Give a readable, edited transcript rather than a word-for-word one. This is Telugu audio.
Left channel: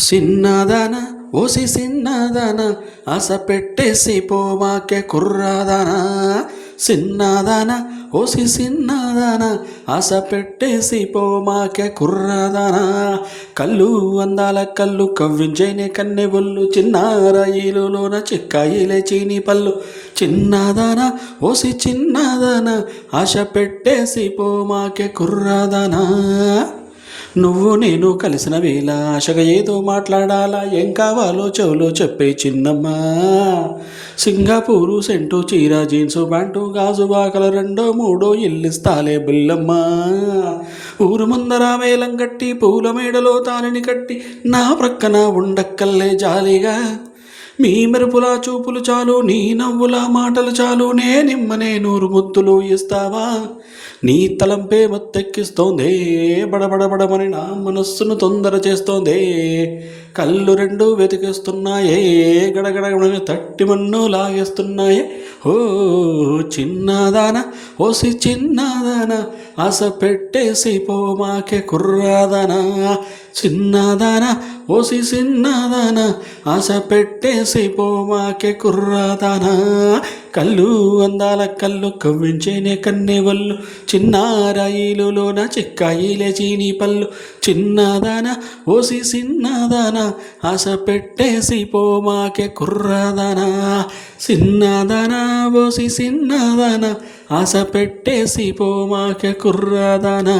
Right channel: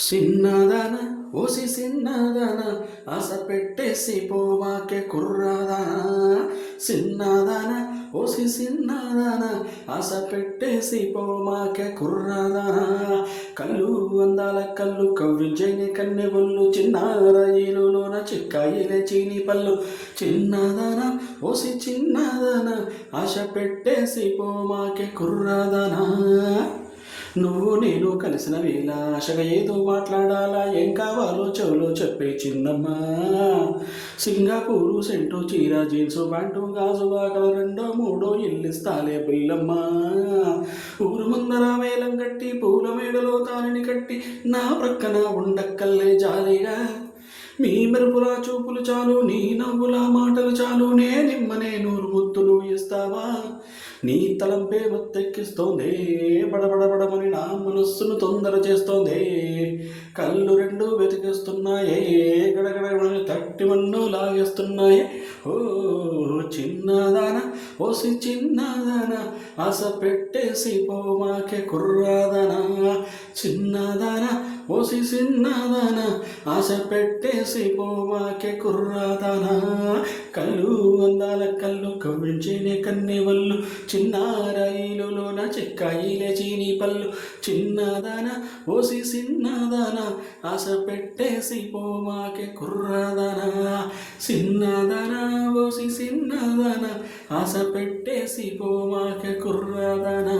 సిన్నదాన ఓసి సిన్నదాన ఆశ పెట్టేసి పోమాకే కుర్రాదానా సిన్నదాన ఓసి సిన్నదాన ఆశ పెట్టేసి పోమాకే కుర్రాదానా కళ్ళు అందాల కళ్ళు కవ్వించేనే కన్నె బొల్లు చిన్నారాయిలులోన చిక్కాయిలే చీని పళ్ళు చిన్నదాన ఓసి చిన్నదాన ఆశ పెట్టేసి పోమాకే కుర్రాదానా నువ్వు నేను కలిసిన వేళ ఆశగా ఏదో మాట్లాడాలా ఏం కావాలో చెవులో చెప్పే చిన్నమ్మా సింగపూరు సెంటు చీర జీన్సు ప్యాంటు గాజు వాకల రెండో మూడో ఇల్లిస్తాలే బిల్లమ్మా ఊరు ముందర వేలం కట్టి పూల మేడలో తానిని కట్టి నా ప్రక్కన ఉండక్కల్లే జాలిగా మీ మెరుపుల చూపులు చాలు నీ నవ్వుల మాటలు చాలు నేనిమ్మనే నూరు ముద్దులు ఇస్తావా నీ తలంపే మత్తెక్కిస్తోందే బడబడబడమని నా మనస్సును తొందర చేస్తోందే కళ్ళు రెండు వెతికిస్తున్నాయే గడగడగడని తట్టి మన్ను లాగేస్తున్నాయే ఓ చిన్నదాన ఓసి చిన్నదాన ఆశ పెట్టేసి పోమాకే కుర్రాదానా చిన్నదాన ఓసి చిన్నదాన ఆశ పెట్టేసి పోమాకే కుర్రాదానా కళ్ళు అందాల కళ్ళు కవ్వించేనే కన్నె వల్లు చిన్నారాయిలులోన చిక్కాయిలే చీని పళ్ళు చిన్నదాన ఓసి చిన్నదాన ఆశ పెట్టేసి పోమాకే కుర్రాదానా చిన్నదాన ఓసి చిన్నదాన ఆశ పెట్టేసి పోమాకే కుర్రాదానా